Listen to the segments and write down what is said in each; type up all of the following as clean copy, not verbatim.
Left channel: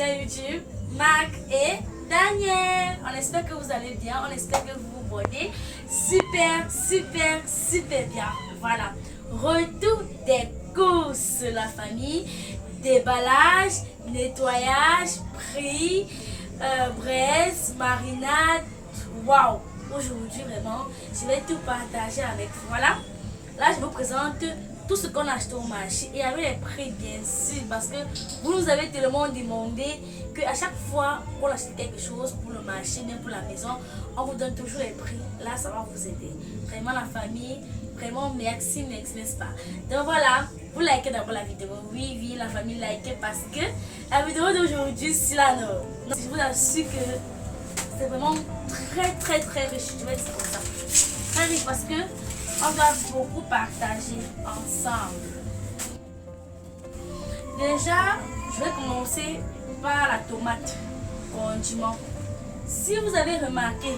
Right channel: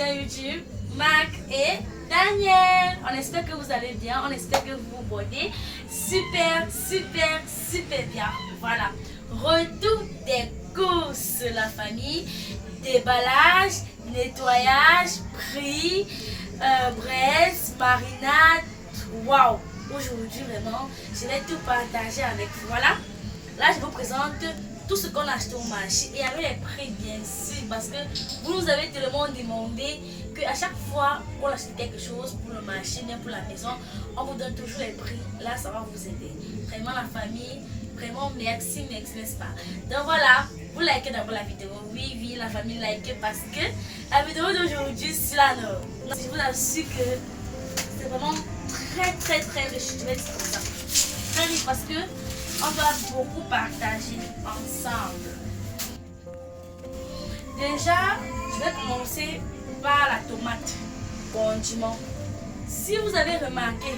chaîne YouTube, Marc et Daniel. On espère que vous allez bien, on espère que vous vous portez super bien. Voilà, retour des courses, la famille, déballage, nettoyage, prix, braise, marinade. Waouh! Aujourd'hui, vraiment, je vais tout partager avec vous. Voilà, là, je vous présente tout ce qu'on a acheté au marché et avec les prix, bien sûr, parce que vous nous avez tellement demandé qu'à chaque fois qu'on achète quelque chose pour le marché, même pour la maison, on vous donne toujours les prix. Là, ça va vous aider. Vraiment, la famille, vraiment, merci, n'est-ce pas? Donc voilà, vous likez d'abord la vidéo. Oui, la famille like parce que la vidéo d'aujourd'hui, c'est la nôtre. Je vous assure que c'est vraiment très riche. Je vais dire comme ça. Très riche parce que on va beaucoup partager ensemble. Déjà, je vais commencer par la tomate condiment. Si vous avez remarqué,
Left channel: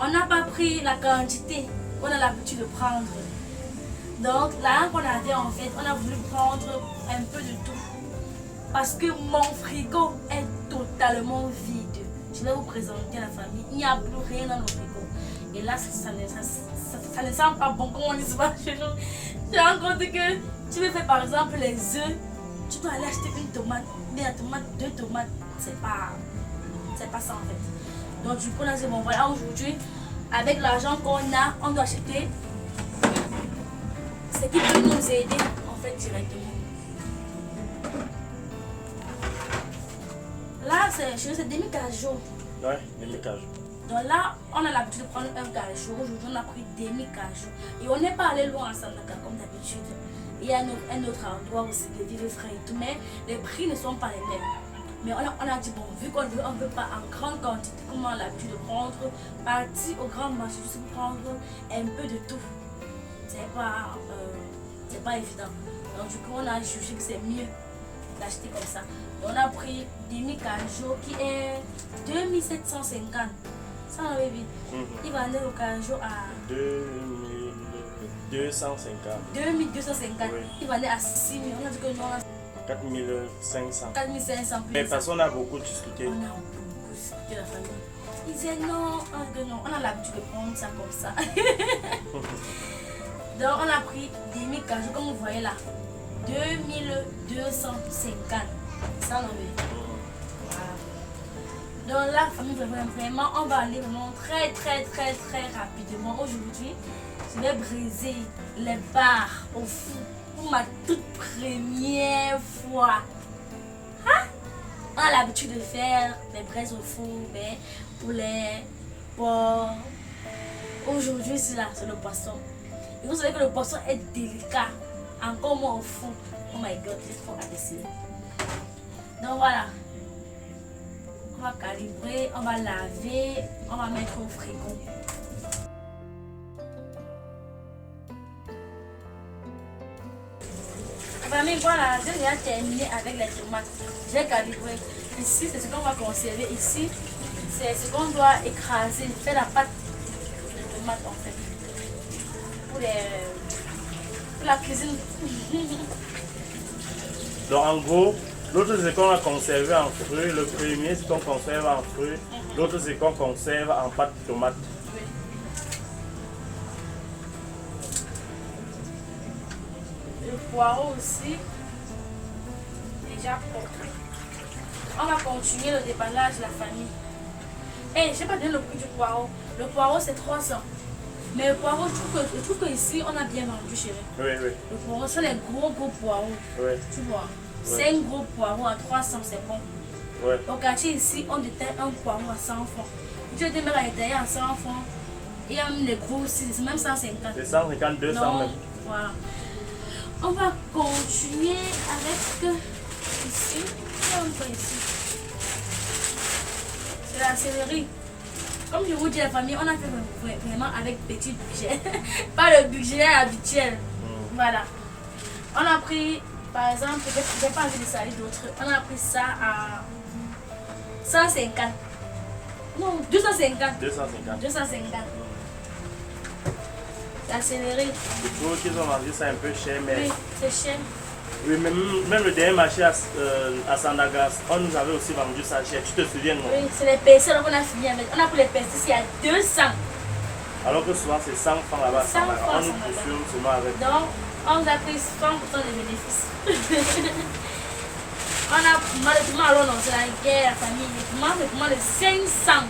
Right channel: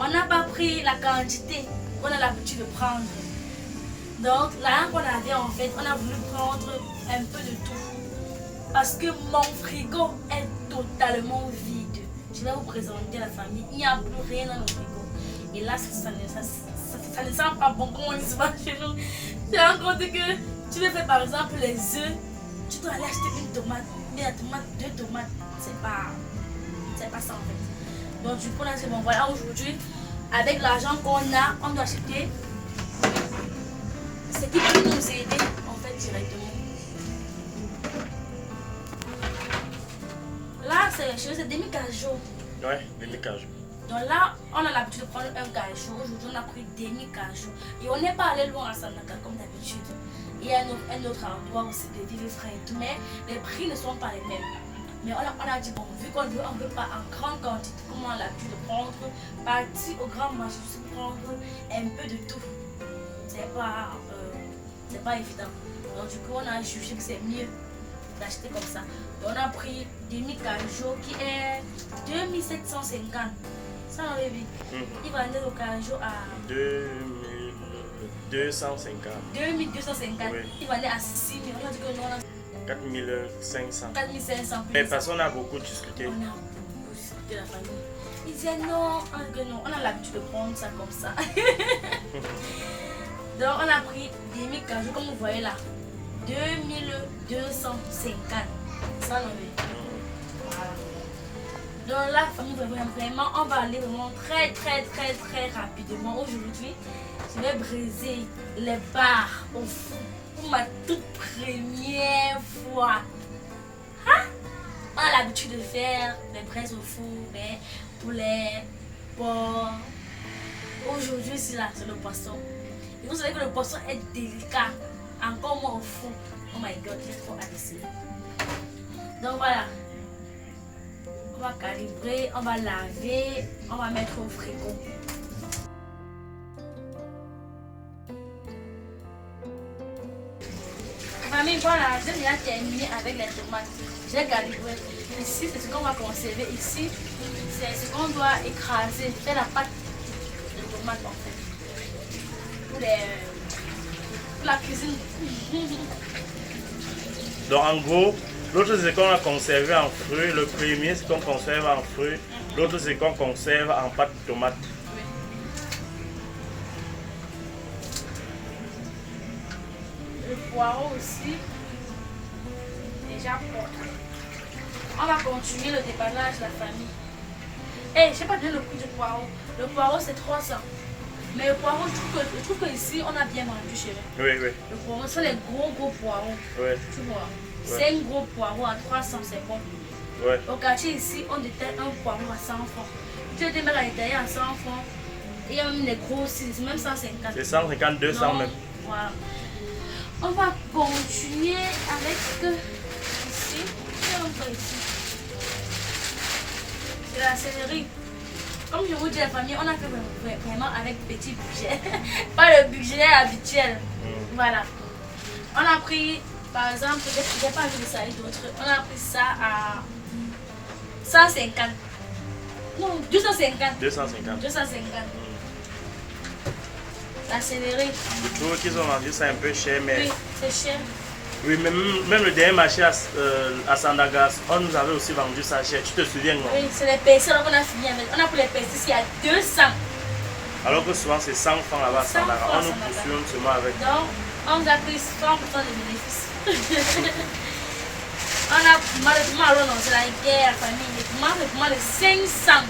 on n'a pas pris la quantité qu'on a l'habitude de prendre. Donc là qu'on avait en fait, on a voulu prendre un peu de tout. Parce que mon frigo est totalement vide. Je vais vous présenter la famille. Il n'y a plus rien dans le frigo. Et là, ça ne sent pas bon comme on dit chez nous. Tu as compte que tu veux faire par exemple les œufs, tu dois aller acheter une tomate, mais la tomate, 2 tomates, c'est pas ça en fait. Donc du coup, on a dit bon voilà, aujourd'hui, avec l'argent qu'on a, on doit acheter ce qui peut nous aider en fait directement. Là, c'est demi-cajou. Ouais, demi-cajou. Donc là, on a l'habitude de prendre un cajou. Aujourd'hui, on a pris demi-cajou. Et on n'est pas allé loin à Sanaka comme d'habitude. Il y a un autre endroit aussi de vivre frais et tout. Mais les prix ne sont pas les mêmes. Mais on a dit, bon, vu qu'on ne veut pas en grande quantité, comme on a l'habitude de prendre, partir au grand marché, juste prendre un peu de tout. C'est pas évident. Donc du coup, on a jugé que c'est mieux d'acheter comme ça. On a pris demi-cajou qui est 2750. Ça, mon bébé. Il va aller au cajou à 2250. 2250. Oui. Il va aller à 6000. On a dit que nous, on a 4500. 4500. Mais parce qu'on a beaucoup discuté. On a beaucoup discuté la famille. Ils disaient non, on a l'habitude de prendre ça comme ça. Donc on a pris demi-cajou, comme vous voyez là. 2250. Ça, non, mais. Voilà. Donc là, famille, vraiment, on va aller vraiment très rapidement. Aujourd'hui, je vais briser les barres au four pour ma toute première fois. Hein? On a l'habitude de faire les braises au four, mais poulet, porc. Aujourd'hui, c'est là, c'est le poisson. Et vous savez que le poisson est délicat, encore moins au four. Oh my god, il faut adresser. Donc voilà. On va calibrer, on va laver, on va mettre au frigo. Famille, voilà, j'ai déjà terminé avec les tomates. J'ai calibré. Ici, c'est ce qu'on va conserver. Ici, c'est ce qu'on doit écraser, faire la pâte de tomates en fait. Pour la cuisine. Donc en gros, l'autre c'est qu'on a conservé en fruits. Le premier c'est qu'on conserve en fruits. L'autre c'est qu'on conserve en pâte de tomate. Oui. Le poireau aussi. Déjà porté. On va continuer le déballage de la famille. Et je n'ai pas donné le prix du poireau. Le poireau c'est 300. Mais le poireau, je trouve que ici on a bien vendu chez nous. Oui. Le poireau, c'est les gros poireaux. Oui. Tu vois. Ouais. 5 gros poireaux à 300, c'est bon. Ouais. Au quartier ici, on détaille un poireau à 100 francs. Tu te mets à détailler à 100 francs. Il y a même les gros aussi, c'est même 150. C'est 150, 200 Non, même. Voilà. On va continuer avec ici. Et on va ici. C'est la céleri. Comme je vous dis, la famille, on a fait vraiment avec petit budget. Pas le budget habituel. Voilà. On a pris, par exemple, j'ai pas envie de salir d'autres. On a pris ça à 150. Non, 250. 250. 250. La céleri. Je trouve qu'ils ont vendu ça un peu cher, mais Oui, c'est cher. Oui, même le dernier marché à Sandagas, on nous avait aussi vendu ça cher. Tu te souviens, non? Oui, c'est les persil qu'on a fini avec. On a pris les persil ici à 200. Alors que souvent c'est 100 francs là-bas à 100 Sandagas. francs On nous à Sandaga. poursuit seulement avec. Donc, on nous a pris 100% de bénéfices. On a malheureusement, alors non, c'est la guerre, la famille. Les piments de 500.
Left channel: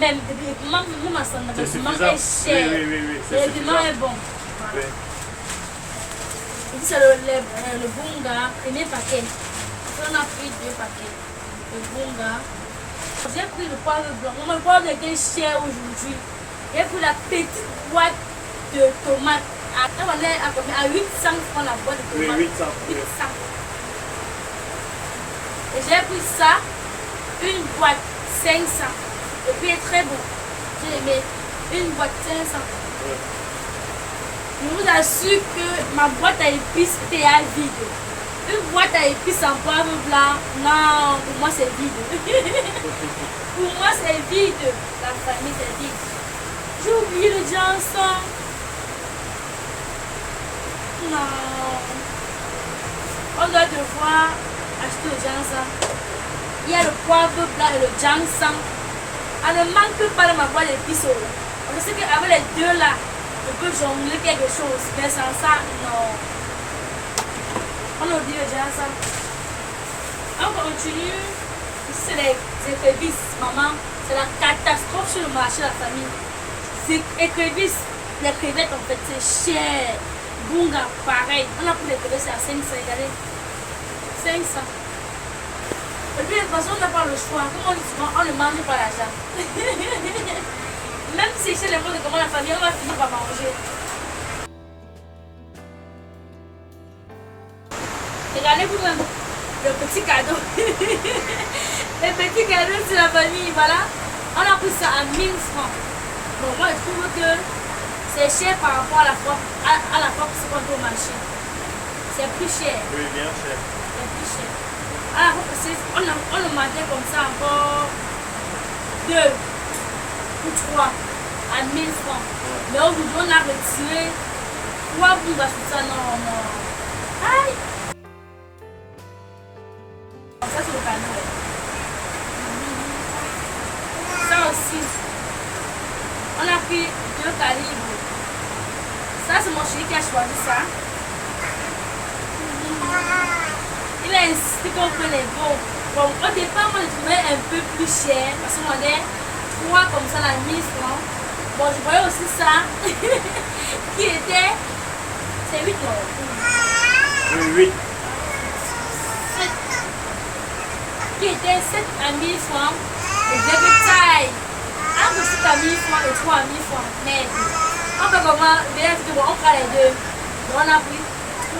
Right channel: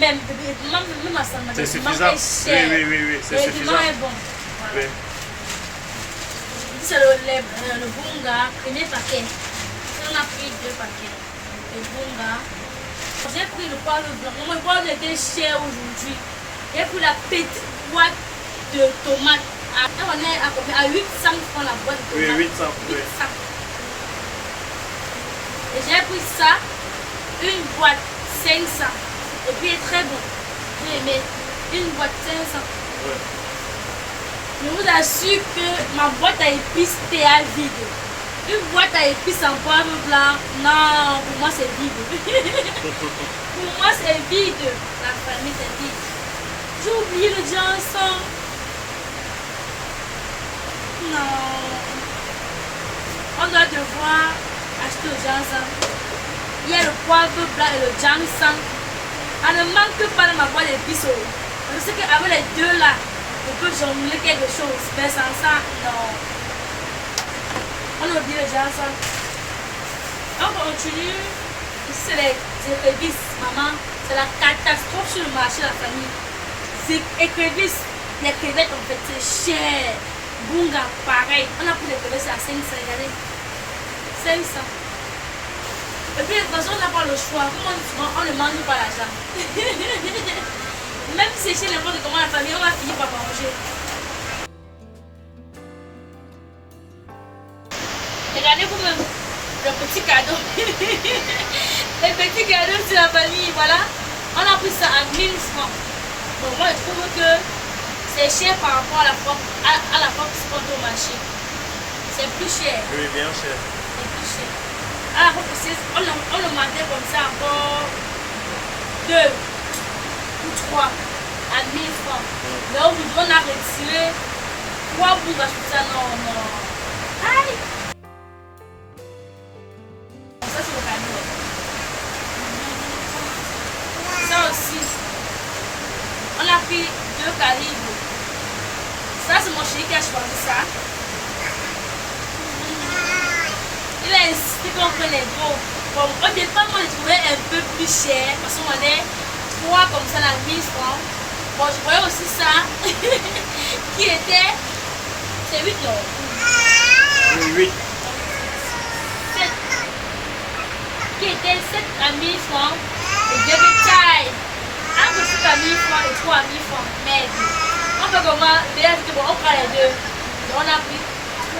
Même à Sandaga, C'est le piment suffisant. est cher. Oui, c'est Le suffisant. piment est bon. Oui. Et puis c'est le bunga, premier paquet. On a pris 2 paquets. Le bunga. J'ai pris le poivre blanc. Le poivre était cher aujourd'hui. J'ai pris la petite boîte de tomates. On est à 800 francs la boîte de Oui, tomates. 800. Oui. 800. Et j'ai pris ça, une boîte 500. Et puis il est très bon. J'ai aimé une boîte 500. Oui. Je vous assure que ma boîte à épices était à vide. Une boîte à épices en poivre blanc, non, pour moi c'est vide. Pour moi c'est vide. La famille c'est vide. J'ai oublié le Johnson. Non. On doit devoir acheter au Johnson. Il y a le poivre blanc et le Johnson. On ne manque pas dans ma boîte d'épices. Je sais qu'avec les deux là, on peut jongler quelque chose, mais sans ça, non. On oublie les gens ça. On continue. Ici, c'est les écrevisses, maman. C'est la catastrophe sur le marché de la famille. C'est écrevisses. Les crevettes, en fait, c'est cher. Bunga, pareil. On a pris les crevettes, c'est à 500, regardez. 500. Et puis, de toute façon, on n'a pas le choix. Comme on dit souvent, on ne mange pas l'argent. Même si c'est chez n'importe comment la famille, on va finir par manger. Regardez vous-même le petit cadeau. Le petit cadeau sur la famille, voilà. On a pris ça à 1000 francs. Bon, moi je trouve que c'est cher par rapport à la fois que c'est au marché. C'est plus cher. Oui, bien cher. C'est plus cher. À la fois on le mandait comme ça encore 2 ou 3 à 1000 francs. Mais aujourd'hui on a retiré 3 bouts sur ça. Non. Aïe! Ça c'est le cadeau. Ça aussi. On a pris 2 calibres. Ça c'est mon chéri qui a choisi ça. Il a insisté qu'on prenne les beaux. Bon, au départ, moi je trouvais un peu plus cher parce qu'on vendait 3 comme ça à 1000 francs. Bon, je voyais aussi ça qui était. C'est 8 non? Oui, 8. Qui était 7 à 1000 francs et baby time. Entre 7 à 1000 francs et 3 à 1000 francs. Mais on fait comment? Bien que bon, on prend les deux. Donc on a pris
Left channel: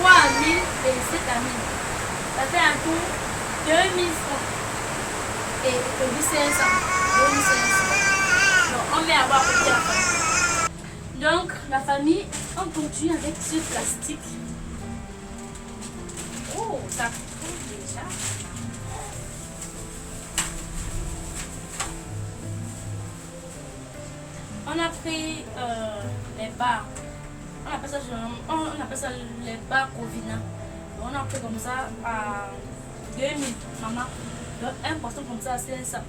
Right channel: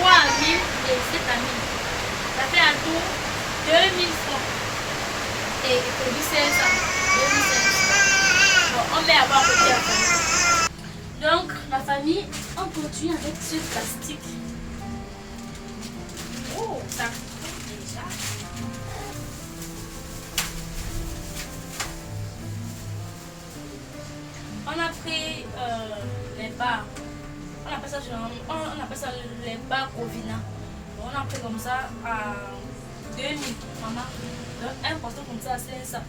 3 à 1000 et 7 à 1000. Ça fait un tour 2000 francs. Et produit 500. 2500. Bon, on met à bas côté la famille. Donc la famille, on continue avec ce plastique. Oh, ça coûte déjà. On a pris les bars. On appelle ça les bars Covina. On a pris comme ça à 2000, maman. Donc un portion comme ça, c'est ça.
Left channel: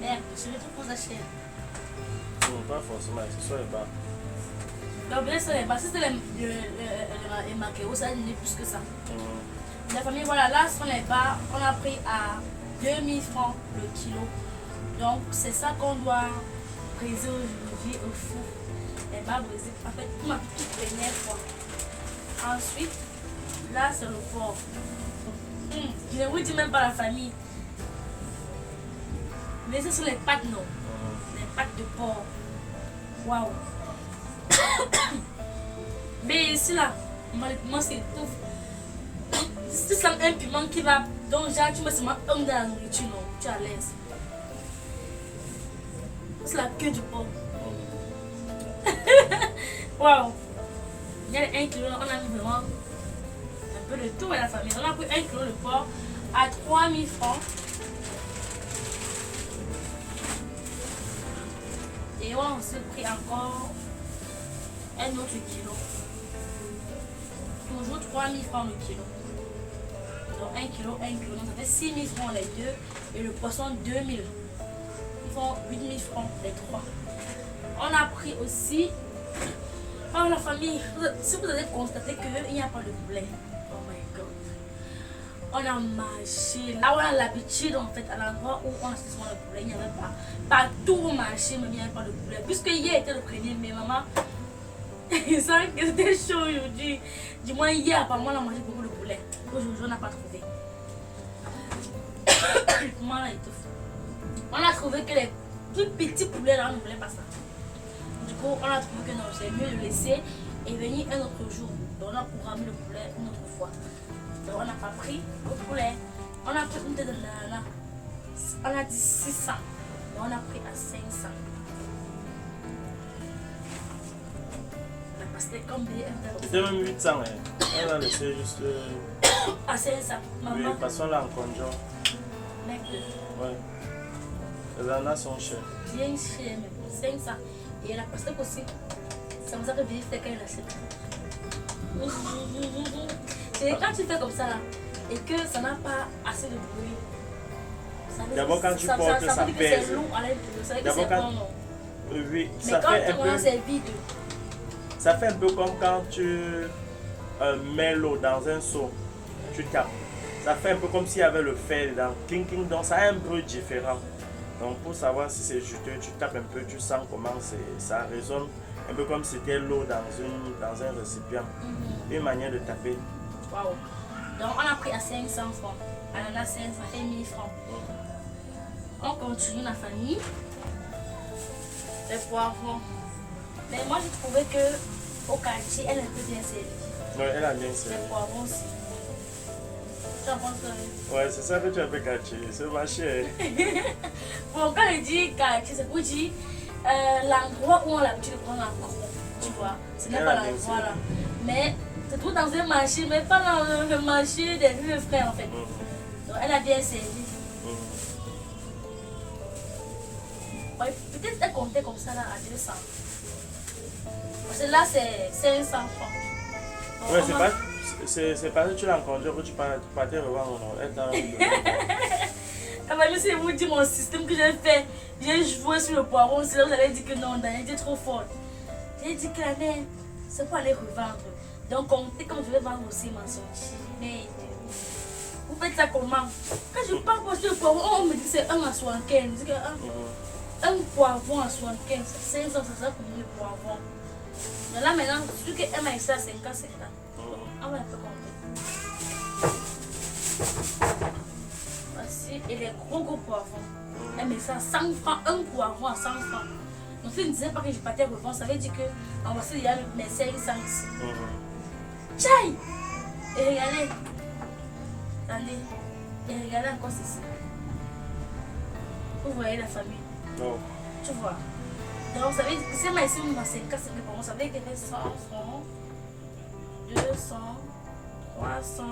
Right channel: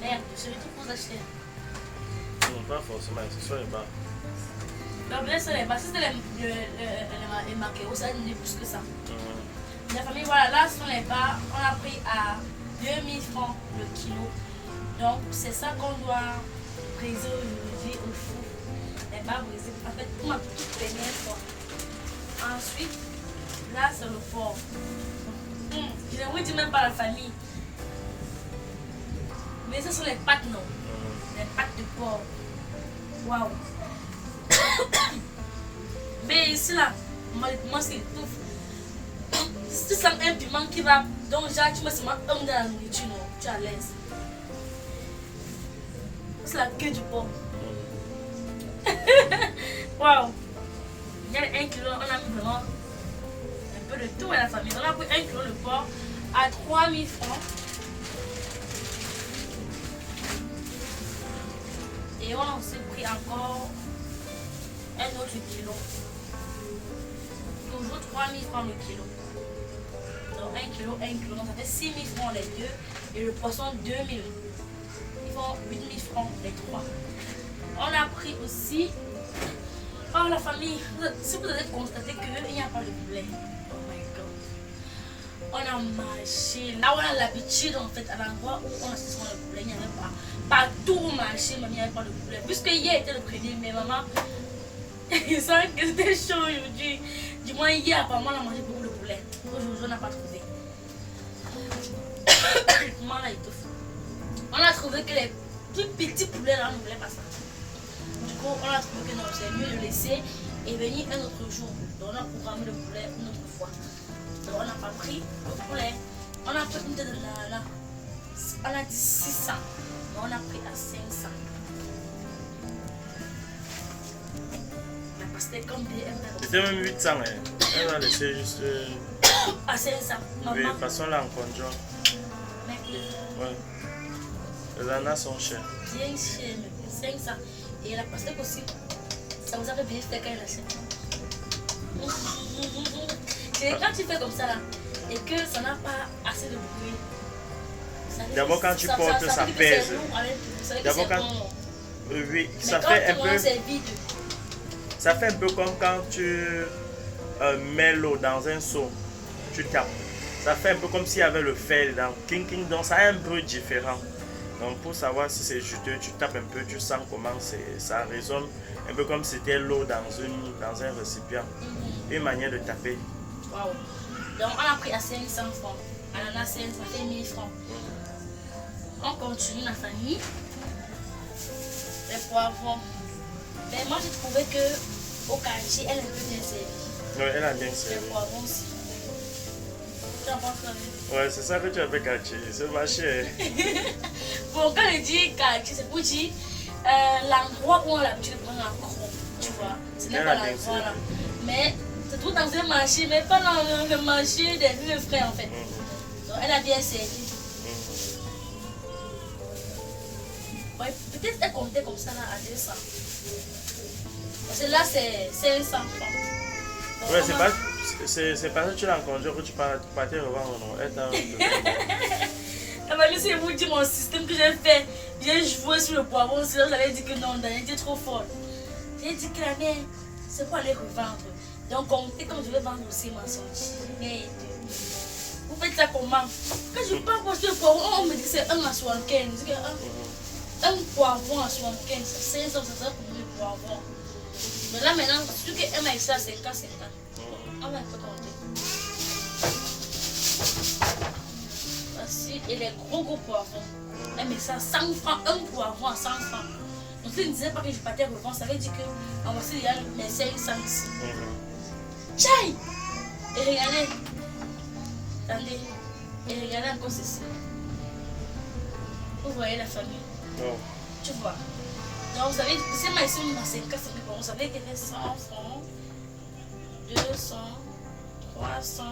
Merde, je vais tout pour acheter. Non, pas forcément, ce sont les bars. Donc bien sûr les bars, si c'était les maqueros, ça donnait plus que ça. La famille, voilà, là ce sont les bars. On a pris à 2000 francs le kilo. Donc c'est ça qu'on doit briser aujourd'hui au four. Les bars brisés, en fait, pour ma toute dernière fois. Ensuite, là c'est le porc. Je ne vous dis même pas la famille. Mais ce sont les pâtes, non? Les pâtes de porc. Waouh! Mais ici là, moi c'est tout. Si tu sens un piment qui va, donc genre tu mets seulement un dans la nourriture, non? Tu es à l'aise. C'est la queue du porc. Waouh! Il y a 1 kilo, on a mis vraiment un peu de tout à la famille. On a pris 1 kilo de porc à 3000 francs. Et on s'est pris encore un autre kilo. toujours 3000 francs le kilo. Donc 1 kilo, 1 kilo. Donc ça fait 6000 francs les deux. Et le poisson 2000. Ils font 8000 francs les trois. On a pris aussi. Oh la famille, si vous avez constaté qu'il n'y a pas de poulet. Oh my god. On a marché. Là où on a l'habitude en fait, à l'endroit où on a souvent le poulet, il n'y avait pas. Partout au marché, mais il n'y avait pas de poulet. Puisque hier était le premier, mais maman, il sent que c'était chaud aujourd'hui. Du moins hier, apparemment, on a mangé beaucoup de poulet. Aujourd'hui, on n'a pas trouvé. Comment là, il te fout. On a trouvé que les plus petits poulets là, on ne voulait pas ça. Du coup, on a trouvé que non, c'est mieux de laisser et venir un autre jour. Donc, on a programmé le poulet une autre fois. Donc, on n'a pas pris le poulet. On a pris une tête de nana. On a dit 600. Mais on a pris à 500. C'était combien? C'était même 800. Hein. Elle a laissé juste. À 500. Oui, Maman. passons là en conjoint. Mec, Ouais. Les ananas sont chers. bien cher, mais 500. Et la pastèque aussi. Ça vous a fait bien faire quand elle achète. C'est quand tu fais comme ça là, et que ça n'a pas assez de bruit. D'abord quand tu portes, ça veut dire que pèse. c'est lourd à l'intérieur, ça veut dire que D'abord c'est quand. bon. Oui, Mais ça quand fait un tu peu. manges, c'est vide. Ça fait un peu comme quand tu mets l'eau dans un seau. Tu tapes. Ça fait un peu comme s'il y avait le fer dedans. Cling cling, donc ça est un peu différent. Donc pour savoir si c'est juteux, tu tapes un peu, tu sens comment ça résonne. Un peu comme si c'était l'eau dans un récipient. Une manière de taper. Waouh. Donc on a pris à 500 francs. Ananas 500, ça fait 1000 francs. On continue la famille. Les poivrons. Mais moi j'ai trouvé que au quartier, elle est un peu bien servie. Oui, elle a bien Les servi. poivrons aussi. Tu en penses quoi? Ouais, c'est ça que tu as fait quartier. C'est marché. Bon, quand je dis quartier, c'est pour dire l'endroit où on a l'habitude de prendre un gros. Tu vois, ce n'est Elle pas a bien l'endroit là. servi. Mais c'est tout dans un marché, mais pas dans le marché des vieux frères en fait. Donc elle a bien servi. Ouais, peut-être elle comptait comme ça là à 200. Parce que là c'est 500 francs. Bon, Ouais, on c'est a- pas. C'est parce que tu l'as rencontré que tu partais revendre. Non. Elle t'a donné. Ah bah, laissez vous dire mon système que j'ai fait. J'ai joué sur le poivron, sinon j'avais dit que non, Daniel était trop fort. J'ai dit que la mère, c'est pour aller revendre. Donc comptez comme je vais vendre aussi ma sortie. Mais vous faites ça comment? Quand je parle pour le poivron, on me dit que c'est 1 à 75. Je dis que un poivron à 75, c'est 500, ça sera pour le poivron. Mais là maintenant, celui qui aime ça, c'est 50. Ah ouais, il peut compter. Voici, et les gros poivrons. Elle met ça à 100 francs, un poivron à 100 francs. Donc si je ne disais pas que je partais revendre, ça veut dire que en voici il y a mes 500 ici. Tchaï! Et regardez. Attendez. Et regardez encore ceci. Vous voyez la famille. Non. Tu vois. Donc vous savez, c'est ma ici, ma 50, vous savez qu'elle fait 100 francs, 200, 300,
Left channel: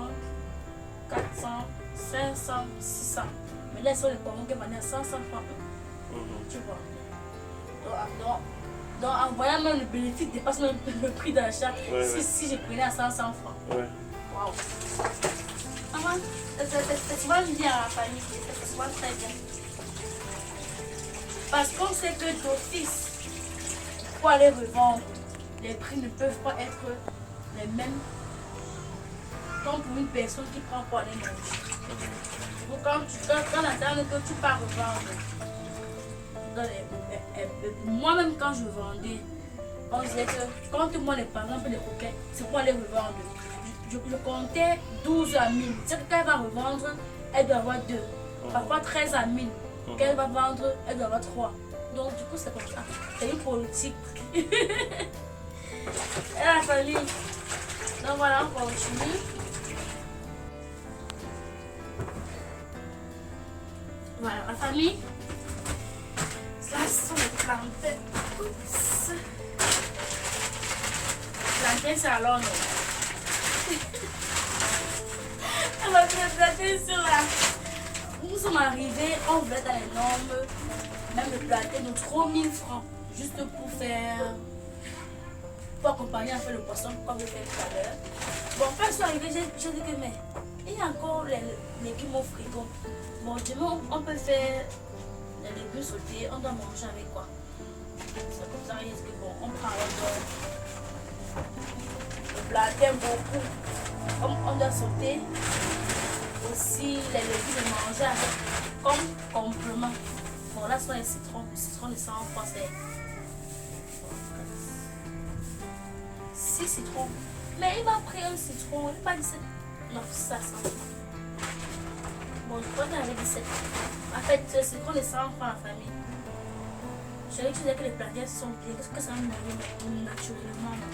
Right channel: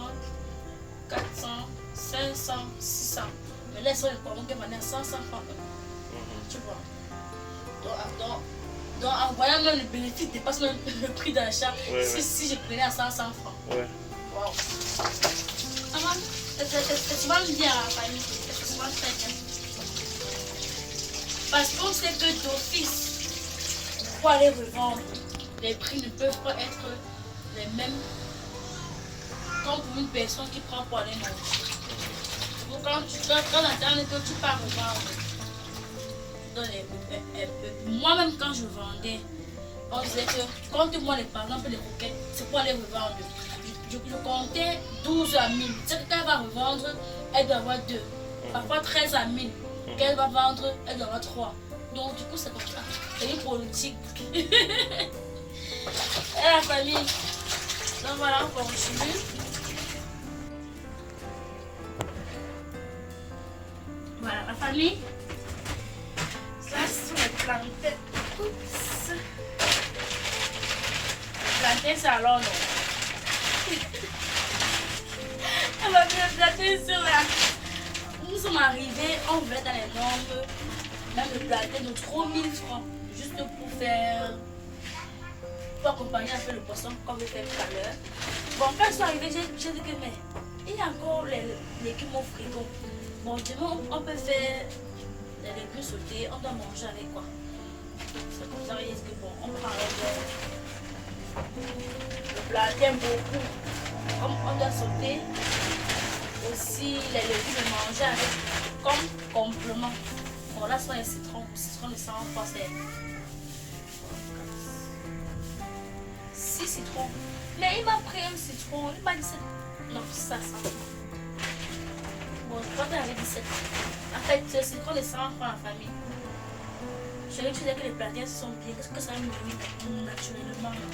400, 500, 600. Mais là, ils sont les poivrons qui m'ont à 500 francs. Tu vois. Donc, en voyant même le bénéfice dépasse même le prix d'achat. Ouais, si je prenais à 500 francs. Ouais. Waouh. Maman, c'est souvent bien à la famille. C'est souvent très bien. Parce qu'on sait que d'office, pour aller revendre, les prix ne peuvent pas être les mêmes comme pour une personne qui prend pour aller manger. Donc quand que tu pars revendre, moi-même quand je vendais, on disait que compte-moi par exemple les coquettes, c'est pour aller revendre. Je comptais 12 à 1000. C'est que quand elle va revendre, elle doit avoir 2. Parfois 13 à 1000. Quand elle va vendre, elle doit avoir 3. Donc du coup c'est comme ça. C'est une politique. Et la famille. Donc voilà, on continue. Voilà, la famille. Ça sont les plantains. Oups. Plantains, c'est alors non. Elle m'a fait planter sur là. Nous sommes arrivés, on voulait dans les normes, même le plantain de 3000 francs, juste pour faire, pour accompagner un peu le poisson comme je fais tout à l'heure. Bon, quand je suis arrivée, j'ai dit que mais il y a encore les légumes au frigo. Bon, demain, on peut faire les légumes sautés, on doit manger avec quoi? C'est comme ça, il dit que bon, on prend le plantain beaucoup. Comme on doit sauter aussi les légumes et manger avec comme complément. Bon, là, ce sont les citrons. Les citrons, les 100 fois, c'est 6 citrons. Mais il m'a pris un citron, il m'a dit 7. Non, ça. Bon, je crois qu'il y avait 17. En fait, ce citron, les 100 francs la famille. Je vais dire que les plantains sont bien. Qu'est-ce que ça me met naturellement là?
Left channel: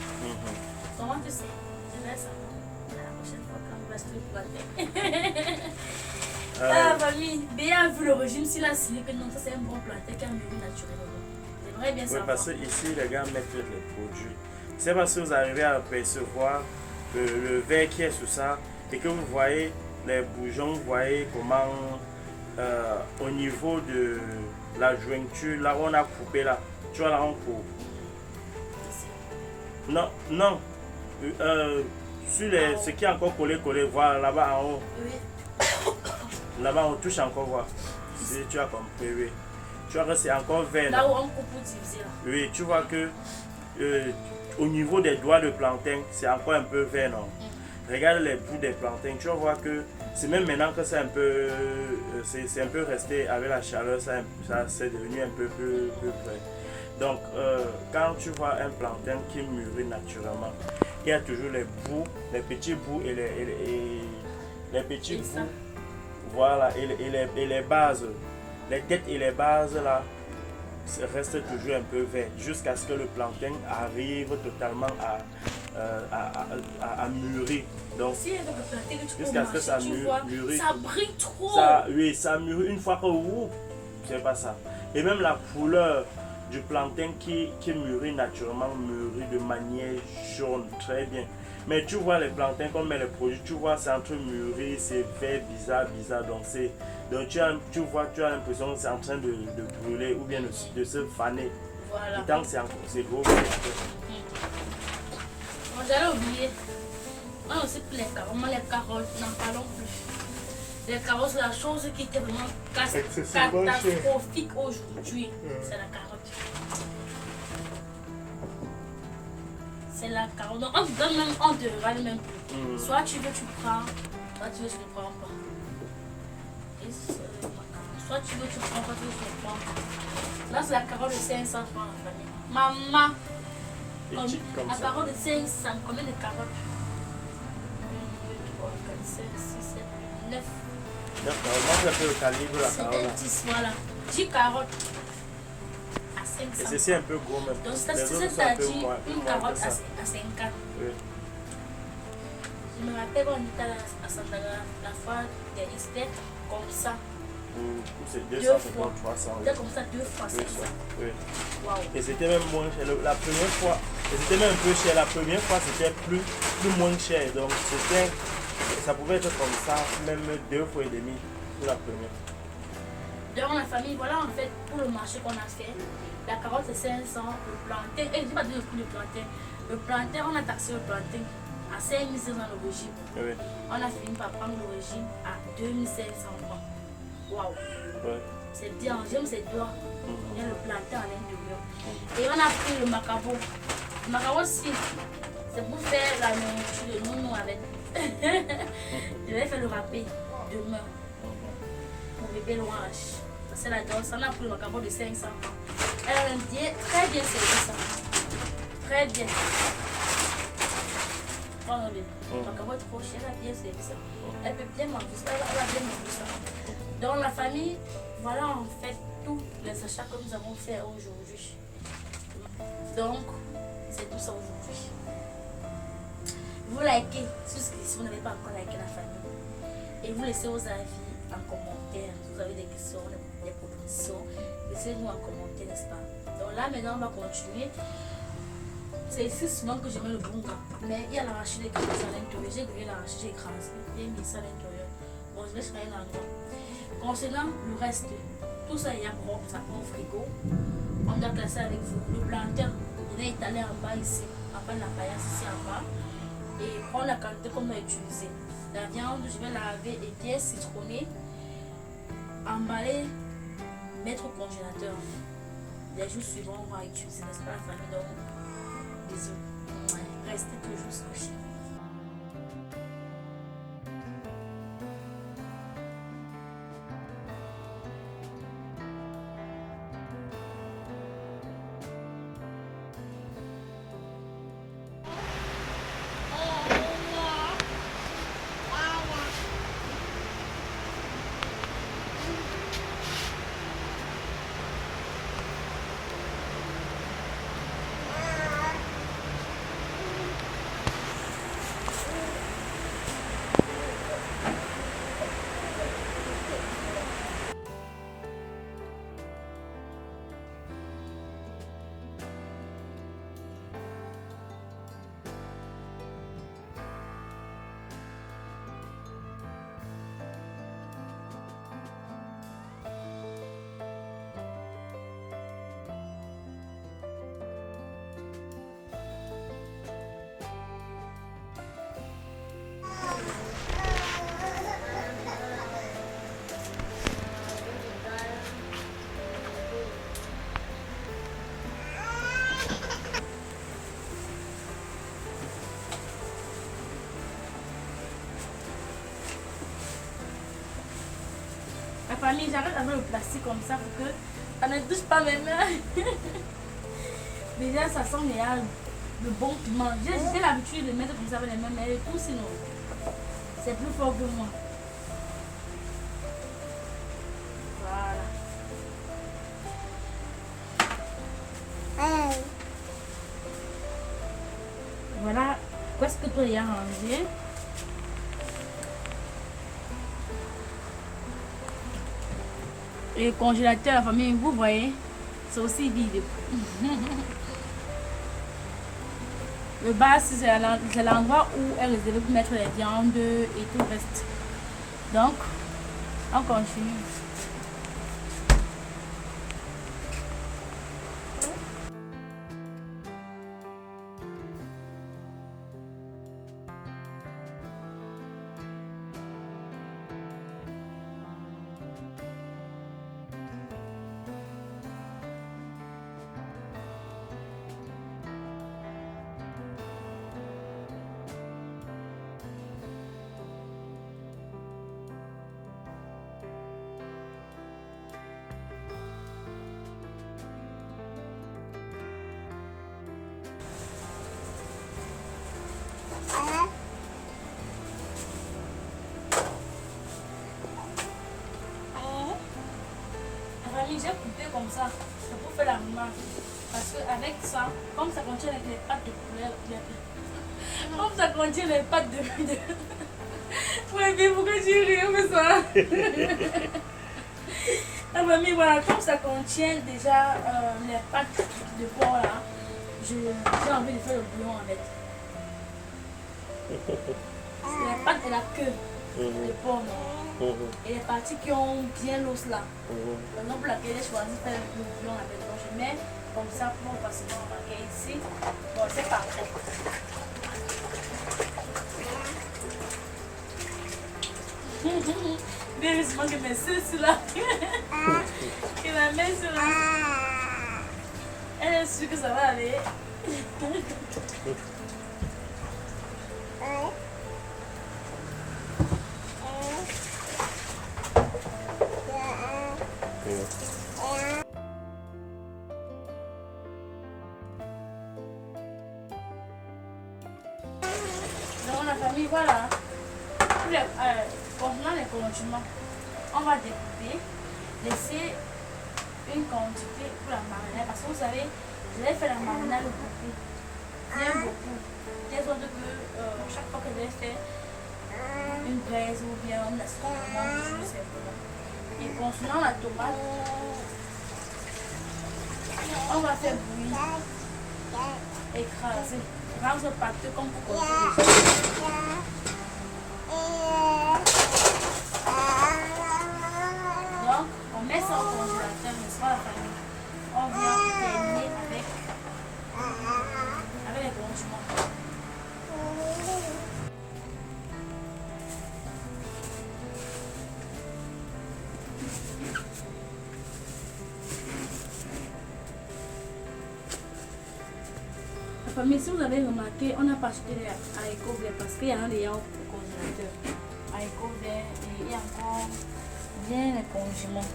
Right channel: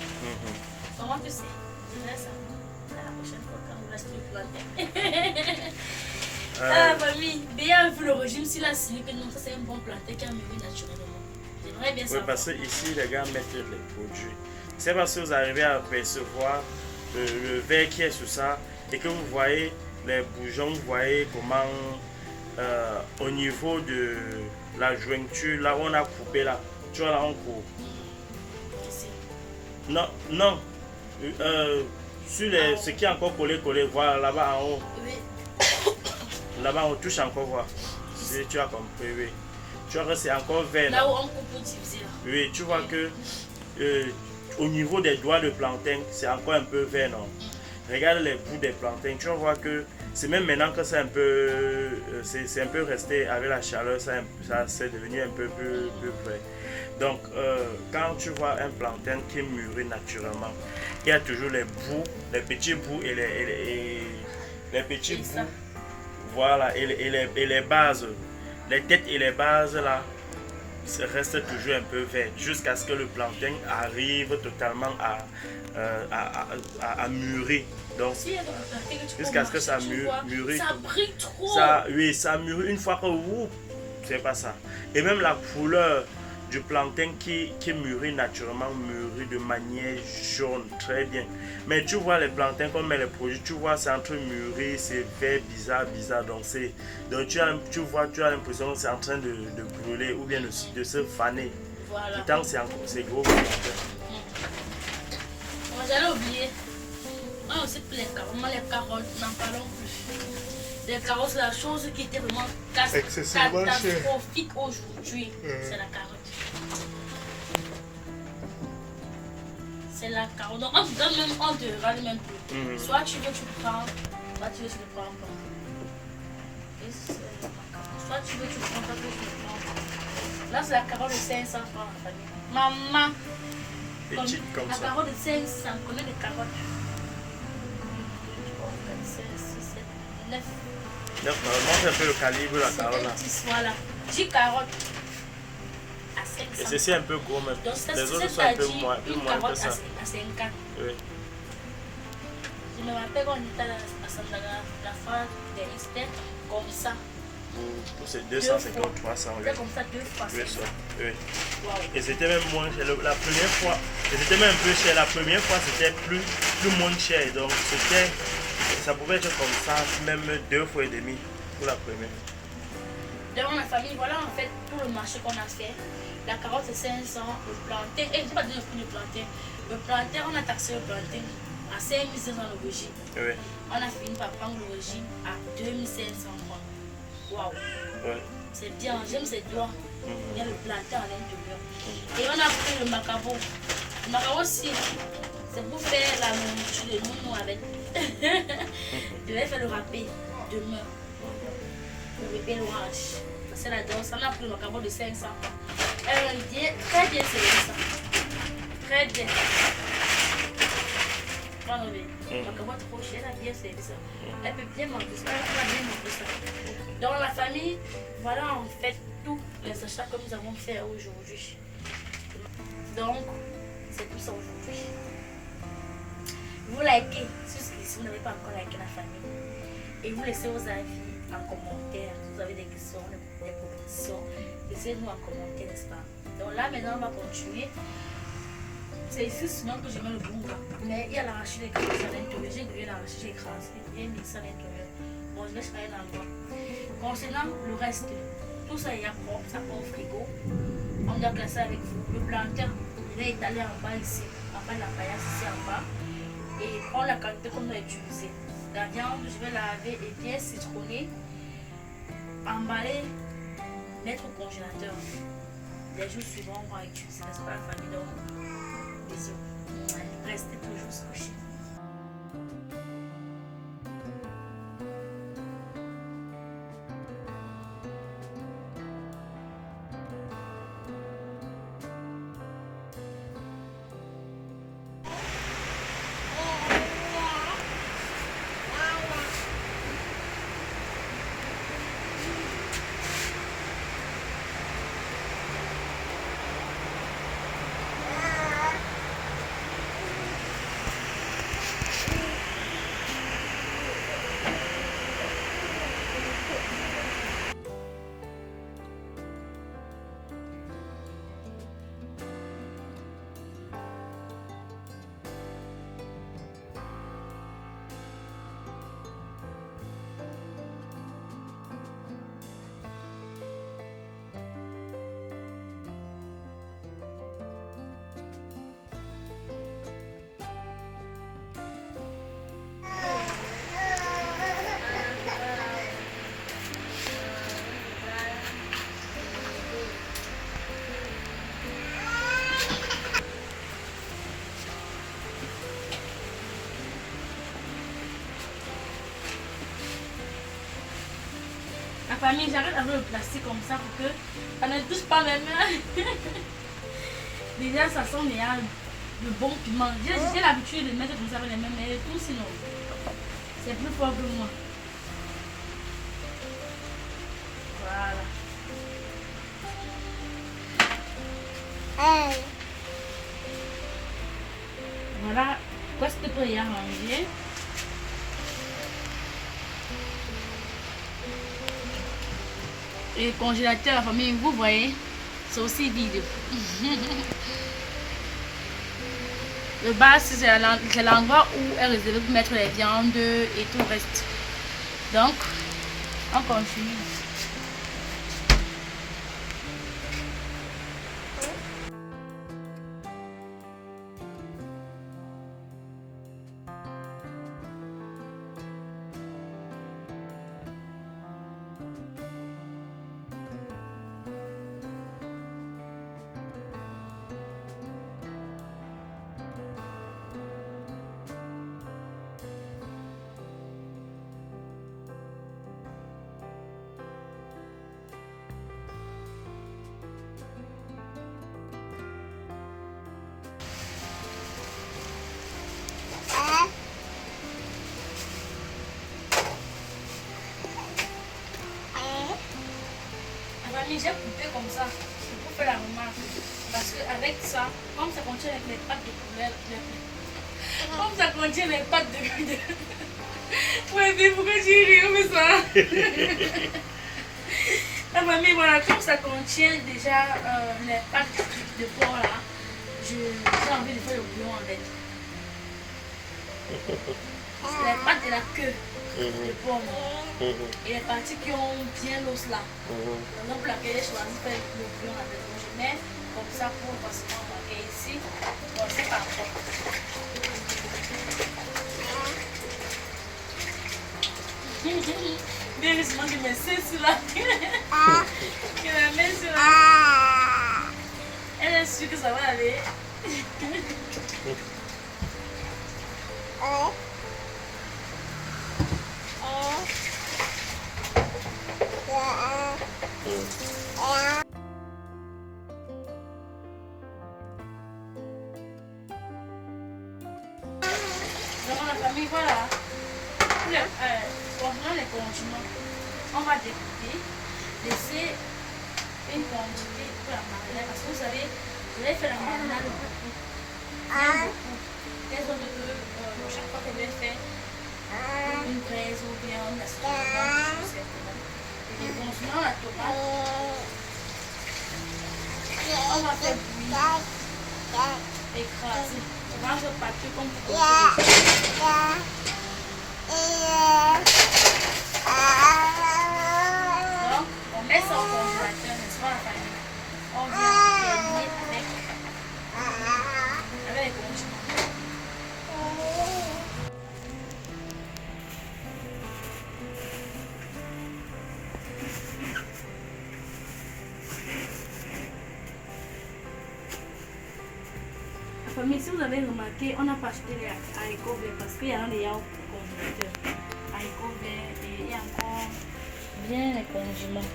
Comment tu sais? Je vais ça. La prochaine fois quand on va acheter le plantain. Ah, famille, bien vu le régime, s'il a signé que non, ça c'est un bon plantain qui a mûri naturellement. J'aimerais bien savoir. Oui, parce que ici, les gars mettent les produits. C'est parce que vous arrivez à percevoir le verre qui est sur ça et que vous voyez les bourgeons, vous voyez comment au niveau de la jointure, là où on a coupé là, tu vois là on coupe. Ici. Non. Sur ce qui est encore collé, voilà là-bas en haut. Oui. Là-bas on touche encore, voir. Si tu as compris, oui. Tu vois que c'est encore vert. Là où on coupe pour diviser là. Oui, tu vois que au niveau des doigts de plantain, c'est encore un peu vert, non? Regarde les bouts des plantains, tu vas voir que c'est même maintenant que c'est un peu resté avec la chaleur, ça c'est devenu un peu plus vert. Donc, quand tu vois un plantain qui mûrit naturellement, il y a toujours les bouts, les petits bouts et les petits bouts, voilà, et les bases, les têtes et les bases là, reste toujours un peu vert jusqu'à ce que le plantain arrive totalement à mûrir. Donc, jusqu'à ce que ça mûrit. Ça brille trop. Ça mûrit une fois que c'est pas ça. Et même la couleur du plantain qui mûrit naturellement, mûrit de manière jaune, très bien. Mais tu vois les plantains, comme les produits, tu vois c'est entre mûri, c'est vert, bizarre. Donc tu as l'impression que c'est en train de brûler ou bien de se faner. Voilà. Pourtant c'est gros. J'allais oublier. On a aussi les carottes, n'en parlons plus. Les carottes, c'est la chose qui était vraiment catastrophique aujourd'hui. C'est la carotte. C'est la carotte. Donc, on te râle même plus. Soit tu veux, tu prends. Soit tu veux, tu ne prends pas. Et soit tu veux, tu prends. Soit tu veux, tu ne prends pas. Là, c'est la carotte de 500 francs la famille. Maman. Petite comme ça. La carotte de 500. Combien de carottes? 6, 7, 9. Normalement, c'est un peu le calibre de la carotte. 10, voilà. 10 carottes. Et ceci est un peu gros même. Donc, les autres sont un peu moins que ça. À 50. Oui. Je me rappelle quand on était à Santana, la fois dernière, c'était comme ça. Pour ces 250, 300. C'était comme ça 2 fois. Oui. Wow. Et c'était même moins cher. La première fois, et c'était même un peu cher. La première fois, c'était plus moins cher. Donc, ça pouvait être comme ça, même 2 fois et demi pour la première. Dans la famille, voilà en fait tout le marché qu'on a fait. La carotte c'est 500, le plantain, et je pas dit le prix du plantain. Le plantain, on a taxé le plantain à 5500 l'origine. Oui. On a fini par prendre l'origine à 2500 francs. Waouh! Ouais. C'est bien, j'aime ces doigts. Il y a le plantain à l'intérieur. Et on a pris le macabo. Le macabo aussi, c'est pour faire la nourriture de nous avec. Je vais faire le râpé demain. Pour bébé l'ouage. C'est la danse. On a pris le macabo de 500 francs. Elle dit très bien servi ça. Très bien. Non, mais le macabo est trop cher, elle a bien servi ça. Elle peut bien manger ça. Elle a bien mangé ça. Dans la famille, voilà en fait tous les achats que nous avons fait aujourd'hui. Donc, c'est tout ça aujourd'hui. Vous likez si vous n'avez pas encore liké la famille. Et vous laissez vos avis en commentaire. Si vous avez des questions, des propositions, laissez-nous en commentaire, n'est-ce pas? Donc là, maintenant, on va continuer. C'est ici souvent que je mets le bunga. Mais il y a l'arraché des carottes à l'intérieur. J'ai grillé l'arraché, j'ai écrasé. J'ai mis ça à l'intérieur. Bon, je vais changer l'endroit. Concernant le reste, tout ça est propre, ça prend au frigo. On doit classer avec vous. Le plantain, je vais étaler en bas ici. En bas de la paillasse ici en bas. et prendre la quantité qu'on doit utiliser. La viande, je vais laver et bien citronner, emballer, mettre au congélateur. Les jours suivants, on va utiliser, n'est-ce pas, la famille? Donc, bisous. Restez toujours scotchés. La famille, j'arrête avec le plastique comme ça pour que ça ne touche pas mes mains. Déjà, ça sent le bon piment. J'ai l'habitude de mettre comme ça avec les mains, mais tout sinon, c'est plus fort que moi. Voilà. Voilà, presque tout est arrangé. Et le congélateur, la famille, vous voyez, c'est aussi vide. Le bas, c'est l'endroit où est réservé pour mettre les viandes et tout le reste. Donc, on continue. J'ai coupé comme ça, c'est pour faire la remarque. Parce qu'avec ça, comme ça contient les pâtes de poulet, comme ça contient les pâtes de... Ouais, mais pourquoi j'ai ri comme ça? La famille, voilà, comme ça contient déjà les pâtes de porc là, j'ai envie de faire le bouillon avec. Les pâtes et la queue. De porc, non? Et les parties qui ont bien l'os là. Donc pour laquelle j'ai choisi de faire le bouillon avec. Donc je mets comme ça pour facilement marquer ici. Bon, c'est parfait. Bien heureusement que mes seins sur là. Que la main sur là. Elle est sûre que ça va aller. Donc la famille, voilà. Concernant les condiments, on va découper, laisser une quantité pour la marinade. Parce que vous savez, je vais faire la marinade beaucoup. Bien beaucoup. Des autres que chaque fois que je vais faire une braise ou bien un assaisonnement, je sais pas. Et concernant la tomate, on va faire bouillir, écraser, rendre pâteux comme vous connaissez. Donc, on met ça au congélateur, n'est-ce pas la famille? On vient terminer avec les condiments. famille, si vous avez remarqué, on n'a pas acheté les haricots verts parce qu'il y en a déjà au congélateur. Haricots verts et il y a encore bien les condiments.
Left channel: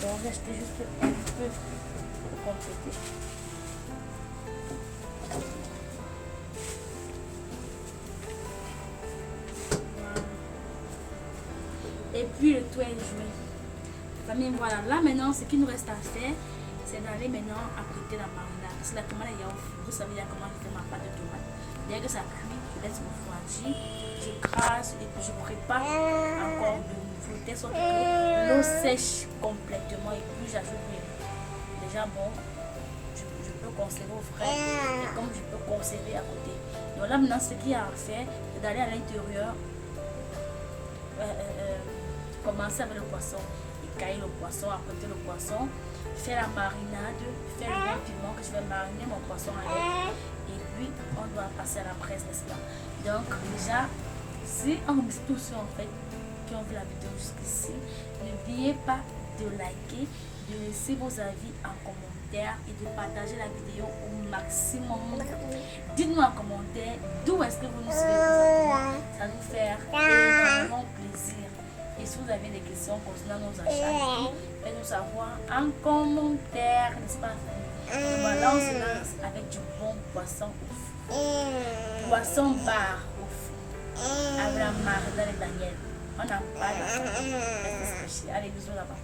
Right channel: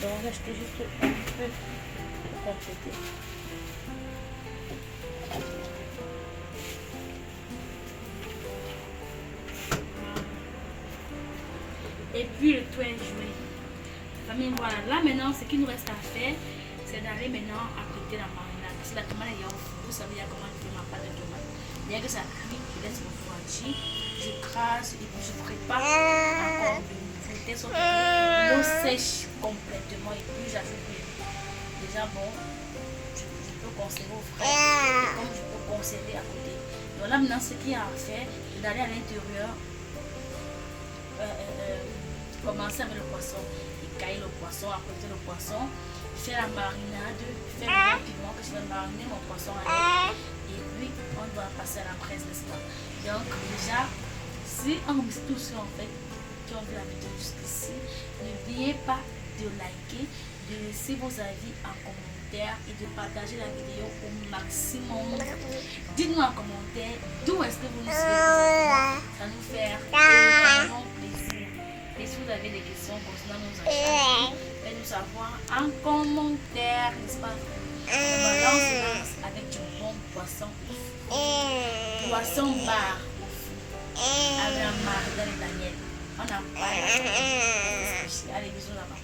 Donc j'ai acheté juste un peu pour compléter. Et puis le tout est joué. Famille, voilà. Là maintenant, ce qu'il nous reste à faire, c'est d'aller maintenant apprêter la marinade. Parce que la tomate est au four. Vous savez comment je fais ma pâte de tomate. Dès que ça cuit, je laisse refroidir. Je crasse et puis je prépare encore de nouveau. De sorte que l'eau sèche complètement. Et puis j'ajoute déjà bon. Je peux conserver au frais. Et comme je peux conserver à côté. Donc là maintenant, ce qu'il y a à faire, c'est d'aller à l'intérieur. Commencer avec le poisson, écailler le poisson, apprêter le poisson, faire la marinade, faire le piment que je vais mariner mon poisson avec, et puis on doit passer à la presse, n'est-ce pas? Donc déjà, si on met tout ça en fait, qui ont vu la vidéo jusqu'ici, n'oubliez pas de liker, de laisser vos avis en commentaire et de partager la vidéo au maximum. Dites-nous en commentaire d'où est-ce que vous nous suivez présentement, ça nous fait énormément plaisir. Et si vous avez des questions concernant nos achats, faites-nous savoir en commentaire, n'est-ce pas? Voilà, on se lance avec du bon poisson au four. Poisson bar au four. Avec la marinade de Daniel. On en parle. Allez, bisous là-bas.